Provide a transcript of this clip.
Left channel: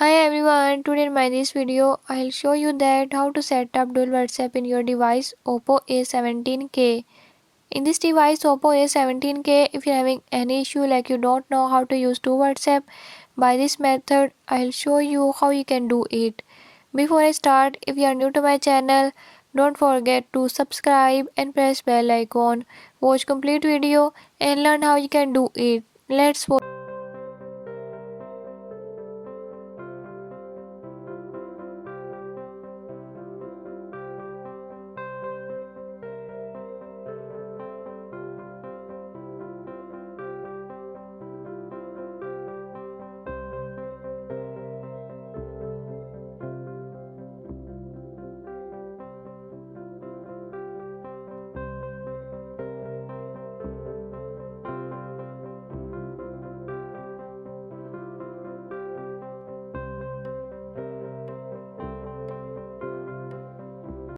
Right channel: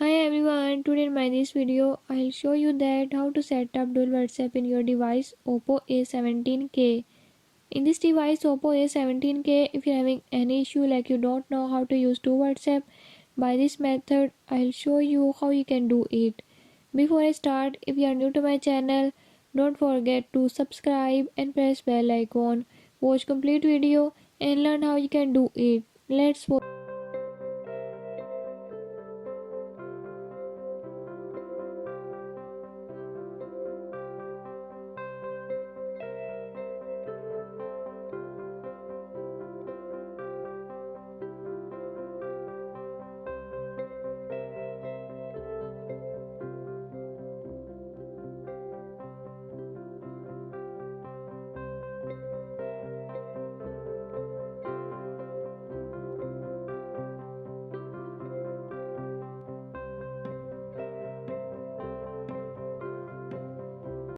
Hi everyone, today in my this video I'll show you that how to set up dual WhatsApp in your device Oppo A17k. In this device Oppo A17k, if you're having any issue like you don't know how to use dual WhatsApp, by this method I'll show you how you can do it. Before I start, if you are new to my channel, don't forget to subscribe and press bell icon. Watch complete video and learn how you can do it. Let's watch.